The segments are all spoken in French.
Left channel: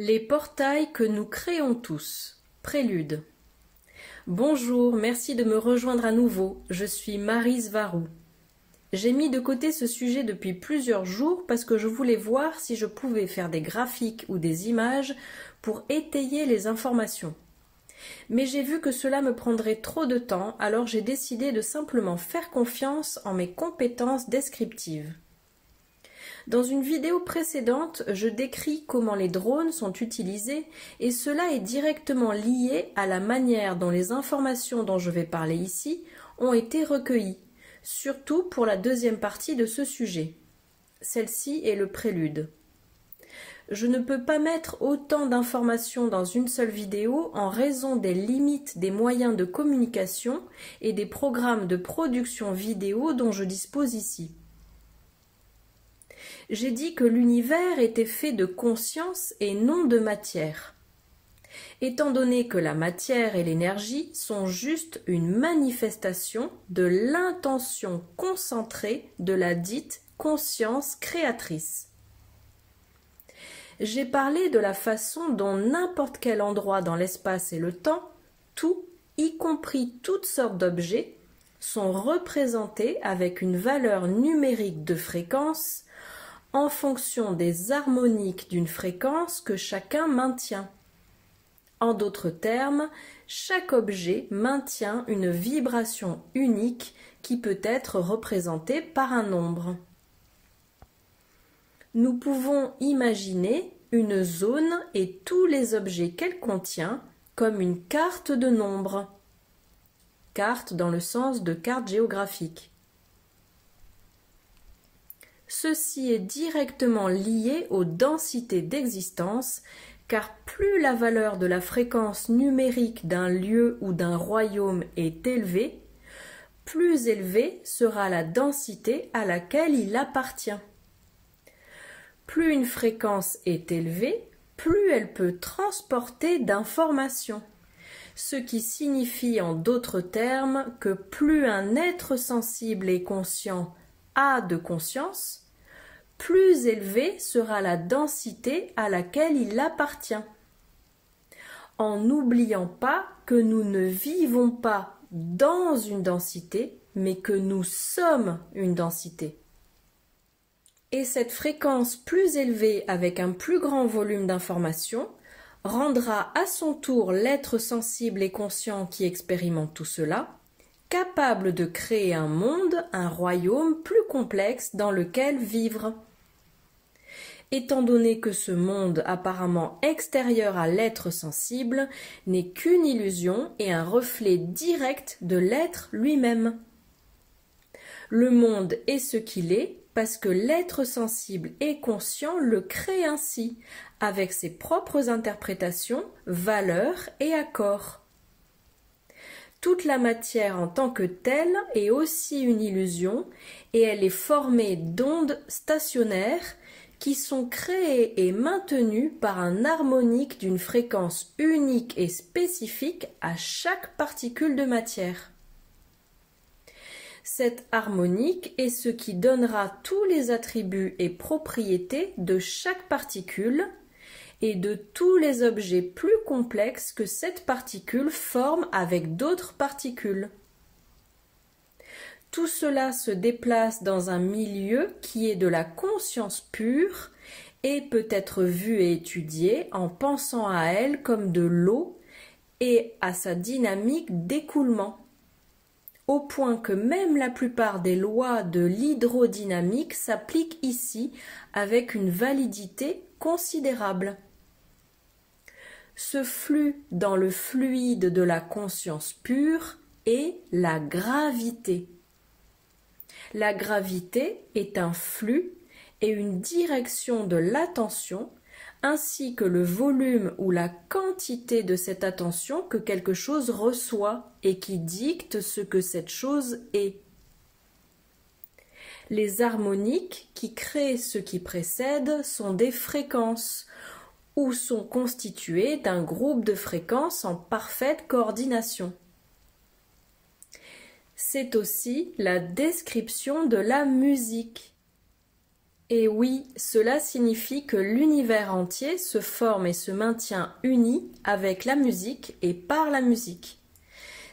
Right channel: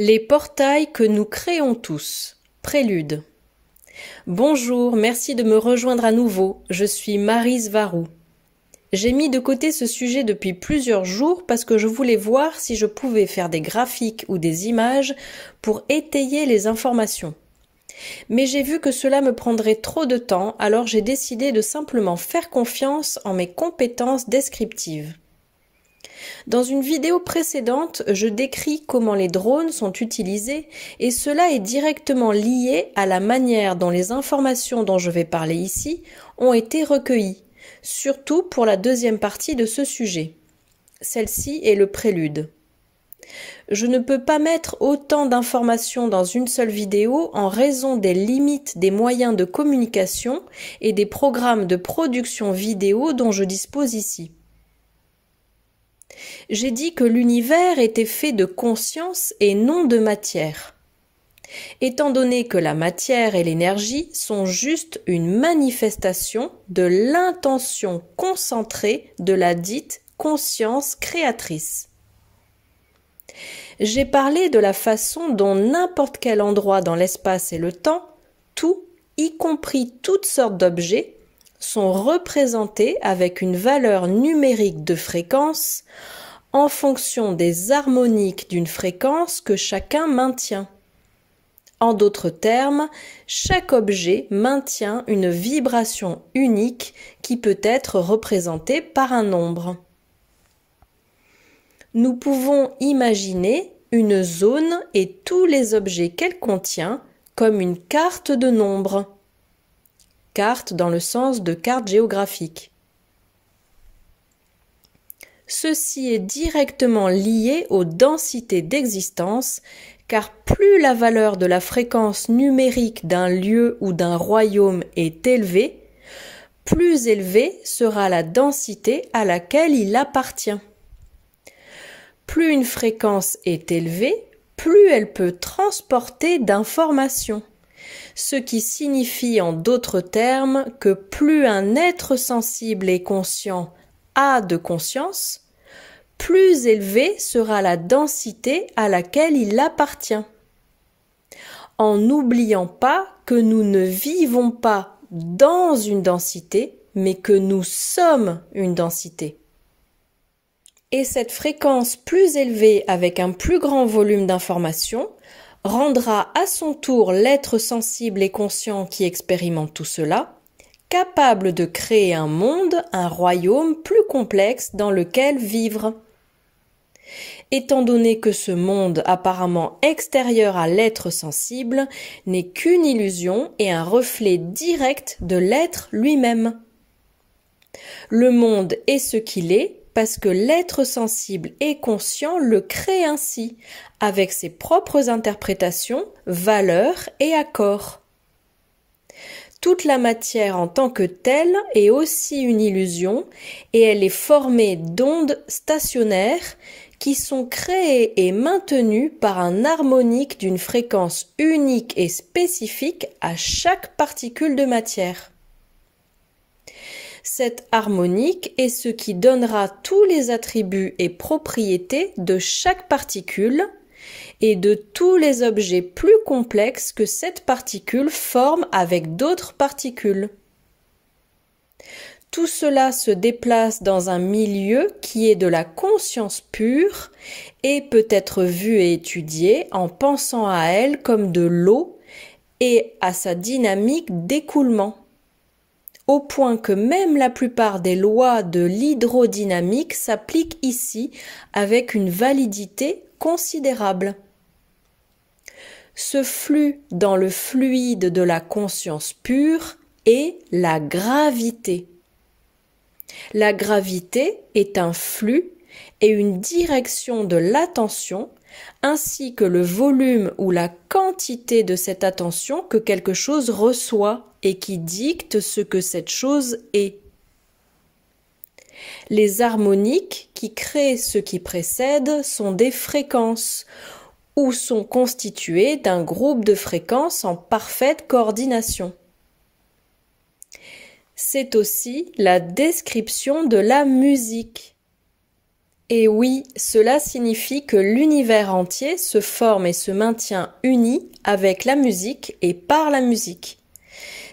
Les portails que nous créons tous. Prélude. Bonjour, merci de me rejoindre à nouveau. Je suis Maryse Varou. J'ai mis de côté ce sujet depuis plusieurs jours parce que je voulais voir si je pouvais faire des graphiques ou des images pour étayer les informations. Mais j'ai vu que cela me prendrait trop de temps, alors j'ai décidé de simplement faire confiance en mes compétences descriptives. Dans une vidéo précédente, je décris comment les drones sont utilisés et cela est directement lié à la manière dont les informations dont je vais parler ici ont été recueillies, surtout pour la deuxième partie de ce sujet. Celle-ci est le prélude. Je ne peux pas mettre autant d'informations dans une seule vidéo en raison des limites des moyens de communication et des programmes de production vidéo dont je dispose ici. J'ai dit que l'univers était fait de conscience et non de matière. Étant donné que la matière et l'énergie sont juste une manifestation de l'intention concentrée de la dite conscience créatrice. J'ai parlé de la façon dont n'importe quel endroit dans l'espace et le temps, tout, y compris toutes sortes d'objets, sont représentés avec une valeur numérique de fréquence en fonction des harmoniques d'une fréquence que chacun maintient. En d'autres termes, chaque objet maintient une vibration unique qui peut être représentée par un nombre. Nous pouvons imaginer une zone et tous les objets qu'elle contient comme une carte de nombres. Carte dans le sens de carte géographique. Ceci est directement lié aux densités d'existence, car plus la valeur de la fréquence numérique d'un lieu ou d'un royaume est élevée, plus élevée sera la densité à laquelle il appartient. Plus une fréquence est élevée, plus elle peut transporter d'informations, ce qui signifie en d'autres termes que plus un être sensible et conscient a de conscience, plus élevée sera la densité à laquelle il appartient. En n'oubliant pas que nous ne vivons pas dans une densité, mais que nous sommes une densité. Et cette fréquence plus élevée avec un plus grand volume d'informations rendra à son tour l'être sensible et conscient qui expérimente tout cela capable de créer un monde, un royaume plus complexe dans lequel vivre. Étant donné que ce monde apparemment extérieur à l'être sensible n'est qu'une illusion et un reflet direct de l'être lui-même. Le monde est ce qu'il est parce que l'être sensible et conscient le crée ainsi, avec ses propres interprétations, valeurs et accords. Toute la matière en tant que telle est aussi une illusion et elle est formée d'ondes stationnaires qui sont créées et maintenues par un harmonique d'une fréquence unique et spécifique à chaque particule de matière. Cette harmonique est ce qui donnera tous les attributs et propriétés de chaque particule et de tous les objets plus complexes que cette particule forme avec d'autres particules. Tout cela se déplace dans un milieu qui est de la conscience pure et peut être vu et étudié en pensant à elle comme de l'eau et à sa dynamique d'écoulement, au point que même la plupart des lois de l'hydrodynamique s'appliquent ici avec une validité considérable. Ce flux dans le fluide de la conscience pure est la gravité. La gravité est un flux et une direction de l'attention ainsi que le volume ou la quantité de cette attention que quelque chose reçoit et qui dicte ce que cette chose est. Les harmoniques qui créent ce qui précède sont des fréquences ou sont constituées d'un groupe de fréquences en parfaite coordination. C'est aussi la description de la musique. Et oui, cela signifie que l'univers entier se forme et se maintient uni avec la musique et par la musique.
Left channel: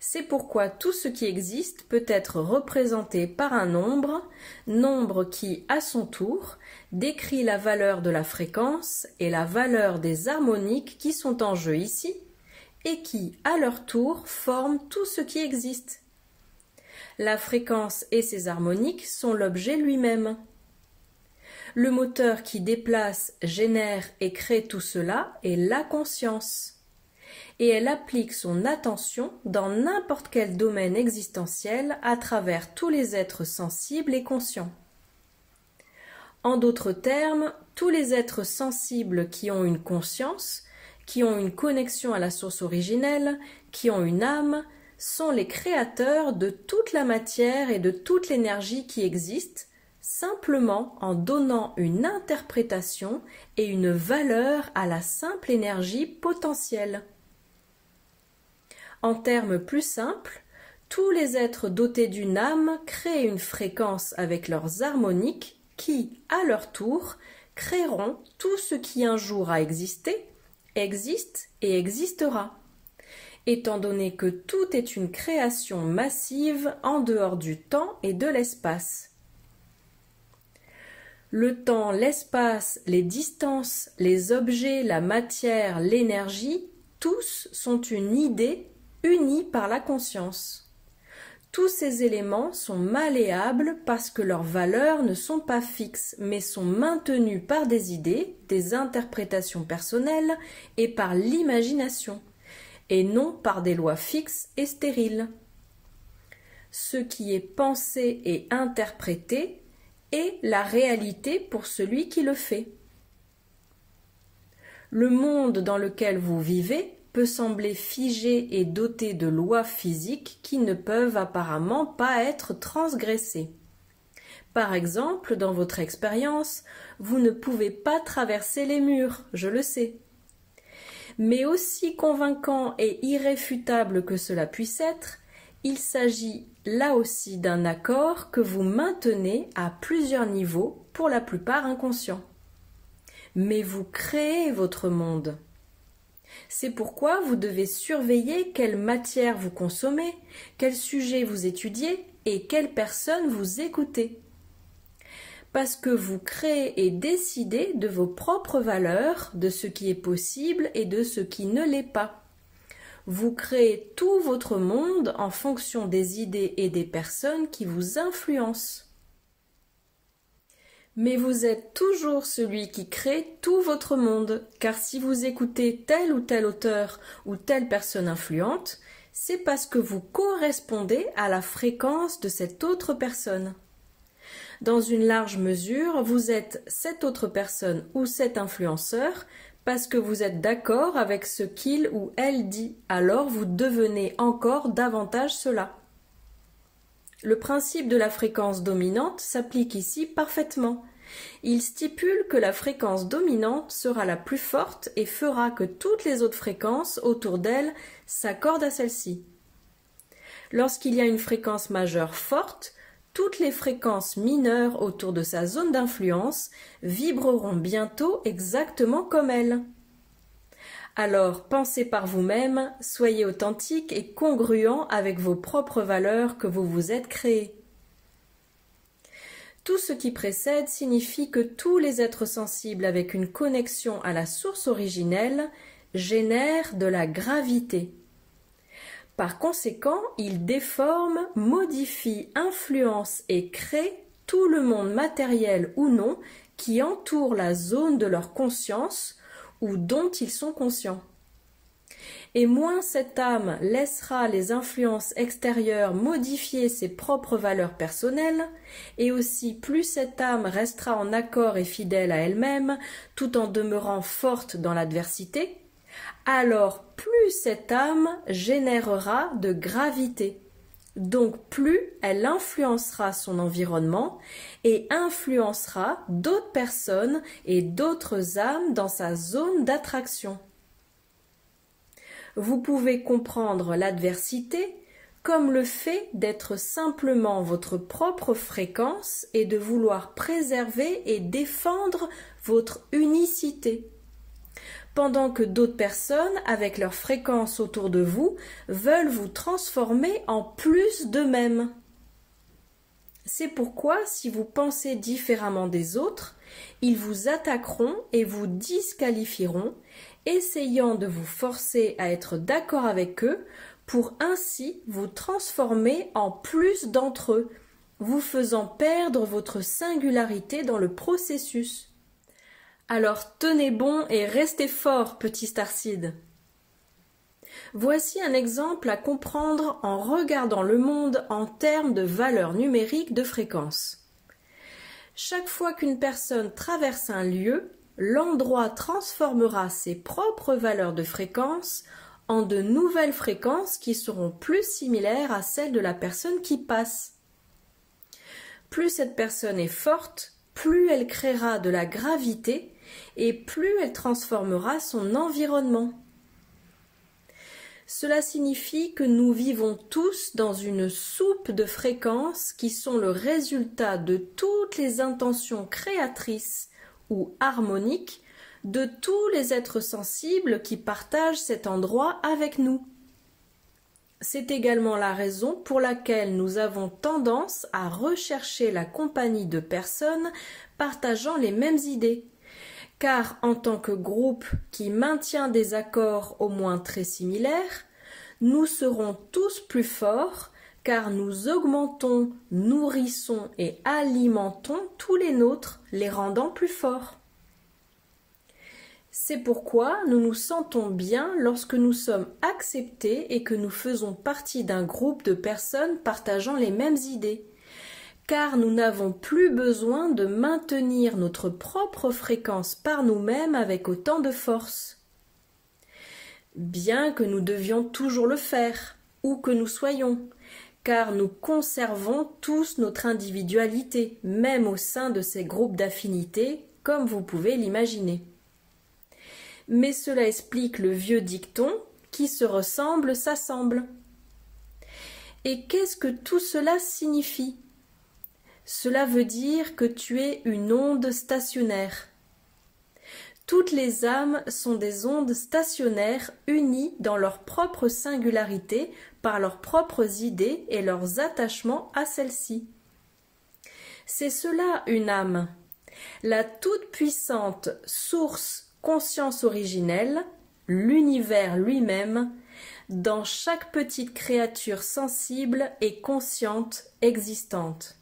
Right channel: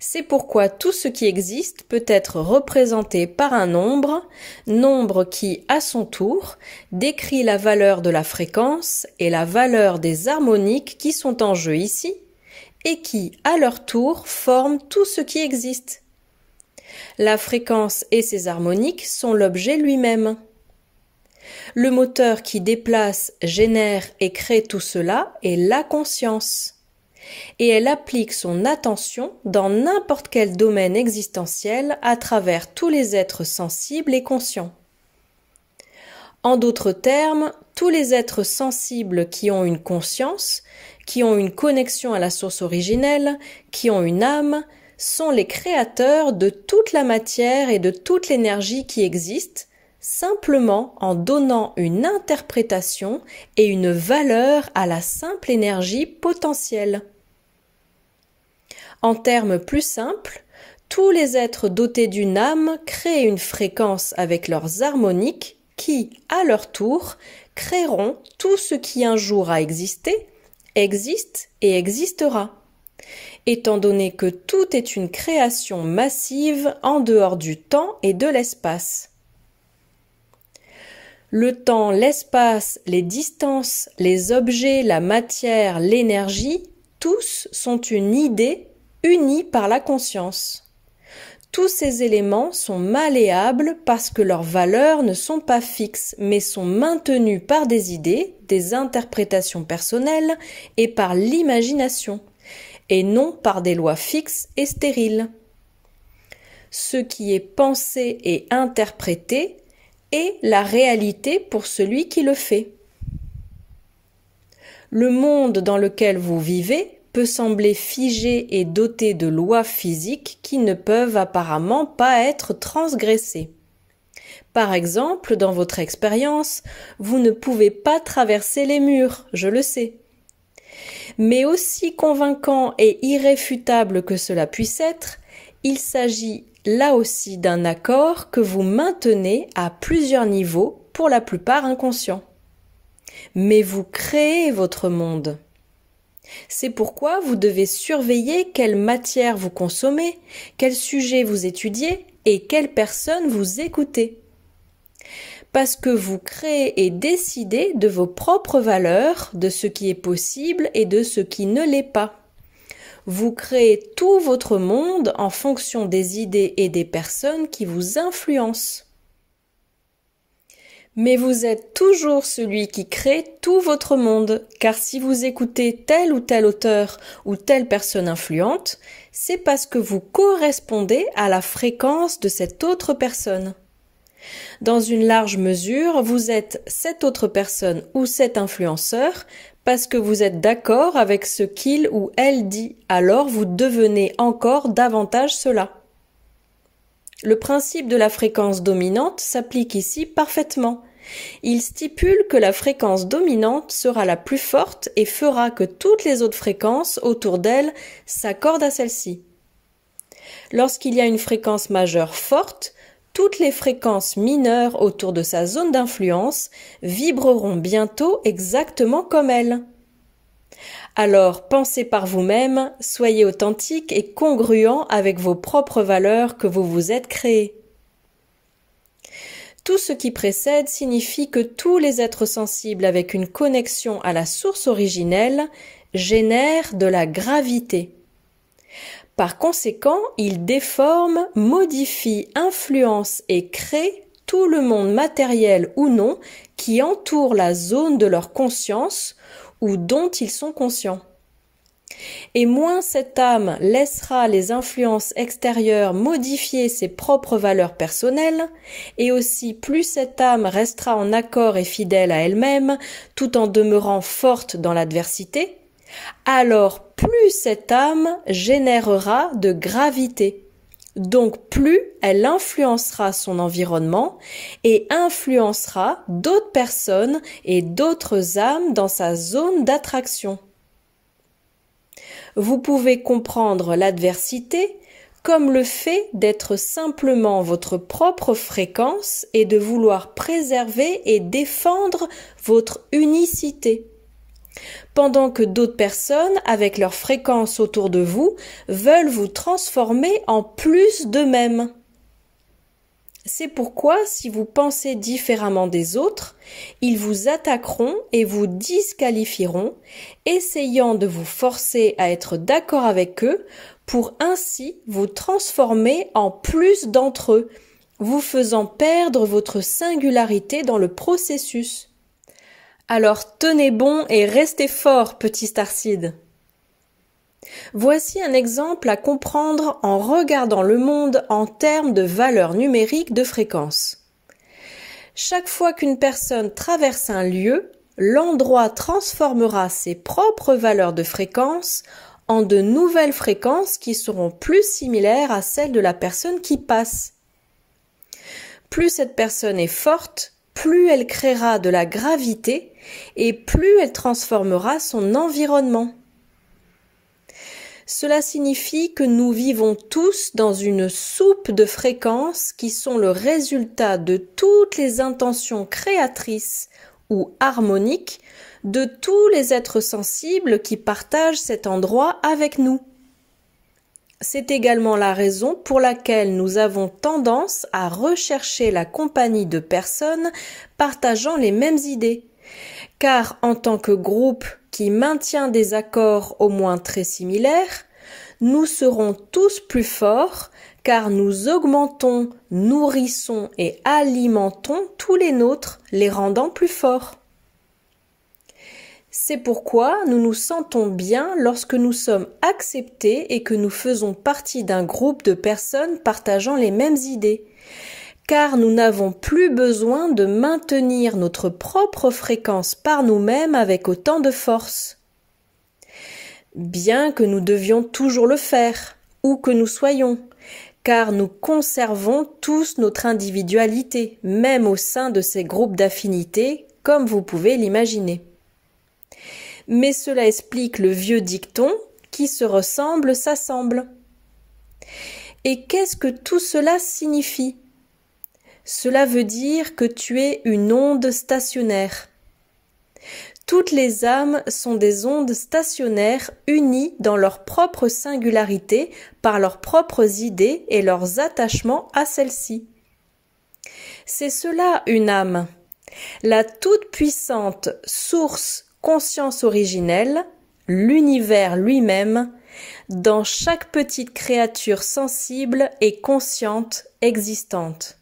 C'est pourquoi tout ce qui existe peut être représenté par un nombre qui, à son tour, décrit la valeur de la fréquence et la valeur des harmoniques qui sont en jeu ici, et qui, à leur tour, forment tout ce qui existe. La fréquence et ses harmoniques sont l'objet lui-même. Le moteur qui déplace, génère et crée tout cela est la conscience. Et elle applique son attention dans n'importe quel domaine existentiel à travers tous les êtres sensibles et conscients. En d'autres termes, tous les êtres sensibles qui ont une conscience, qui ont une connexion à la source originelle, qui ont une âme, sont les créateurs de toute la matière et de toute l'énergie qui existe, simplement en donnant une interprétation et une valeur à la simple énergie potentielle. En termes plus simples, tous les êtres dotés d'une âme créent une fréquence avec leurs harmoniques qui, à leur tour, créeront tout ce qui un jour a existé, existe et existera. Étant donné que tout est une création massive en dehors du temps et de l'espace. Le temps, l'espace, les distances, les objets, la matière, l'énergie, tous sont une idée unie par la conscience. Tous ces éléments sont malléables parce que leurs valeurs ne sont pas fixes, mais sont maintenues par des idées, des interprétations personnelles et par l'imagination, et non par des lois fixes et stériles. Ce qui est pensé et interprété est la réalité pour celui qui le fait. Le monde dans lequel vous vivez peut sembler figé et doté de lois physiques qui ne peuvent apparemment pas être transgressées. Par exemple, dans votre expérience, vous ne pouvez pas traverser les murs, je le sais. Mais aussi convaincant et irréfutable que cela puisse être, il s'agit là aussi d'un accord que vous maintenez à plusieurs niveaux, pour la plupart inconscients. Mais vous créez votre monde. C'est pourquoi vous devez surveiller quelle matière vous consommez, quel sujet vous étudiez et quelle personne vous écoutez. Parce que vous créez et décidez de vos propres valeurs, de ce qui est possible et de ce qui ne l'est pas. Vous créez tout votre monde en fonction des idées et des personnes qui vous influencent. Mais vous êtes toujours celui qui crée tout votre monde, car si vous écoutez tel ou tel auteur ou telle personne influente, c'est parce que vous correspondez à la fréquence de cette autre personne. Dans une large mesure, vous êtes cette autre personne ou cet influenceur parce que vous êtes d'accord avec ce qu'il ou elle dit, alors vous devenez encore davantage cela. Le principe de la fréquence dominante s'applique ici parfaitement. Il stipule que la fréquence dominante sera la plus forte et fera que toutes les autres fréquences autour d'elle s'accordent à celle-ci. Lorsqu'il y a une fréquence majeure forte, toutes les fréquences mineures autour de sa zone d'influence vibreront bientôt exactement comme elle. Alors pensez par vous-même, soyez authentique et congruent avec vos propres valeurs que vous vous êtes créées. Tout ce qui précède signifie que tous les êtres sensibles avec une connexion à la source originelle génèrent de la gravité. Par conséquent, ils déforment, modifient, influencent et créent tout le monde matériel ou non qui entoure la zone de leur conscience ou dont ils sont conscients. Et moins cette âme laissera les influences extérieures modifier ses propres valeurs personnelles, et aussi plus cette âme restera en accord et fidèle à elle-même, tout en demeurant forte dans l'adversité, alors plus cette âme générera de gravité. Donc plus elle influencera son environnement et influencera d'autres personnes et d'autres âmes dans sa zone d'attraction. Vous pouvez comprendre l'adversité comme le fait d'être simplement votre propre fréquence et de vouloir préserver et défendre votre unicité. Pendant que d'autres personnes, avec leur fréquence autour de vous, veulent vous transformer en plus d'eux-mêmes. C'est pourquoi, si vous pensez différemment des autres, ils vous attaqueront et vous disqualifieront, essayant de vous forcer à être d'accord avec eux pour ainsi vous transformer en plus d'entre eux, vous faisant perdre votre singularité dans le processus. Alors tenez bon et restez fort, petit Starseed. Voici un exemple à comprendre en regardant le monde en termes de valeurs numériques de fréquence. Chaque fois qu'une personne traverse un lieu, l'endroit transformera ses propres valeurs de fréquence en de nouvelles fréquences qui seront plus similaires à celles de la personne qui passe. Plus cette personne est forte, plus elle créera de la gravité et plus elle transformera son environnement. Cela signifie que nous vivons tous dans une soupe de fréquences qui sont le résultat de toutes les intentions créatrices ou harmoniques de tous les êtres sensibles qui partagent cet endroit avec nous. C'est également la raison pour laquelle nous avons tendance à rechercher la compagnie de personnes partageant les mêmes idées. Car en tant que groupe qui maintient des accords au moins très similaires, nous serons tous plus forts car nous augmentons, nourrissons et alimentons tous les nôtres, les rendant plus forts. C'est pourquoi nous nous sentons bien lorsque nous sommes acceptés et que nous faisons partie d'un groupe de personnes partageant les mêmes idées. Car nous n'avons plus besoin de maintenir notre propre fréquence par nous-mêmes avec autant de force. Bien que nous devions toujours le faire, où que nous soyons, car nous conservons tous notre individualité, même au sein de ces groupes d'affinités, comme vous pouvez l'imaginer. Mais cela explique le vieux dicton « qui se ressemble s'assemble ». Et qu'est-ce que tout cela signifie ? Cela veut dire que tu es une onde stationnaire. Toutes les âmes sont des ondes stationnaires unies dans leur propre singularité par leurs propres idées et leurs attachements à celles-ci. C'est cela une âme, la toute-puissante source conscience originelle, l'univers lui-même, dans chaque petite créature sensible et consciente existante.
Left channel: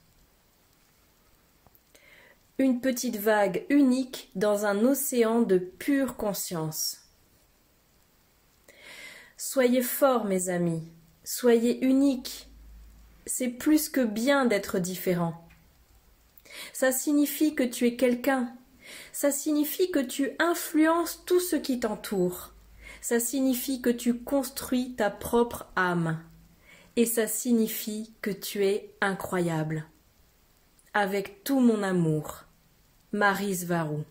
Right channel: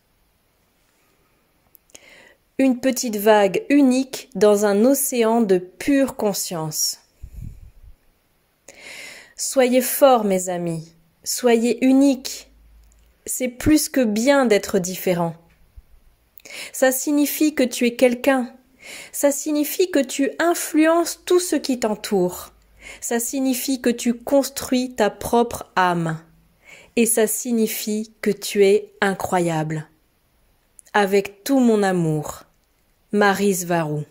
Une petite vague unique dans un océan de pure conscience. Soyez forts, mes amis, soyez uniques. C'est plus que bien d'être différent. Ça signifie que tu es quelqu'un. Ça signifie que tu influences tout ce qui t'entoure. Ça signifie que tu construis ta propre âme. Et ça signifie que tu es incroyable. Avec tout mon amour. Maryse Varou.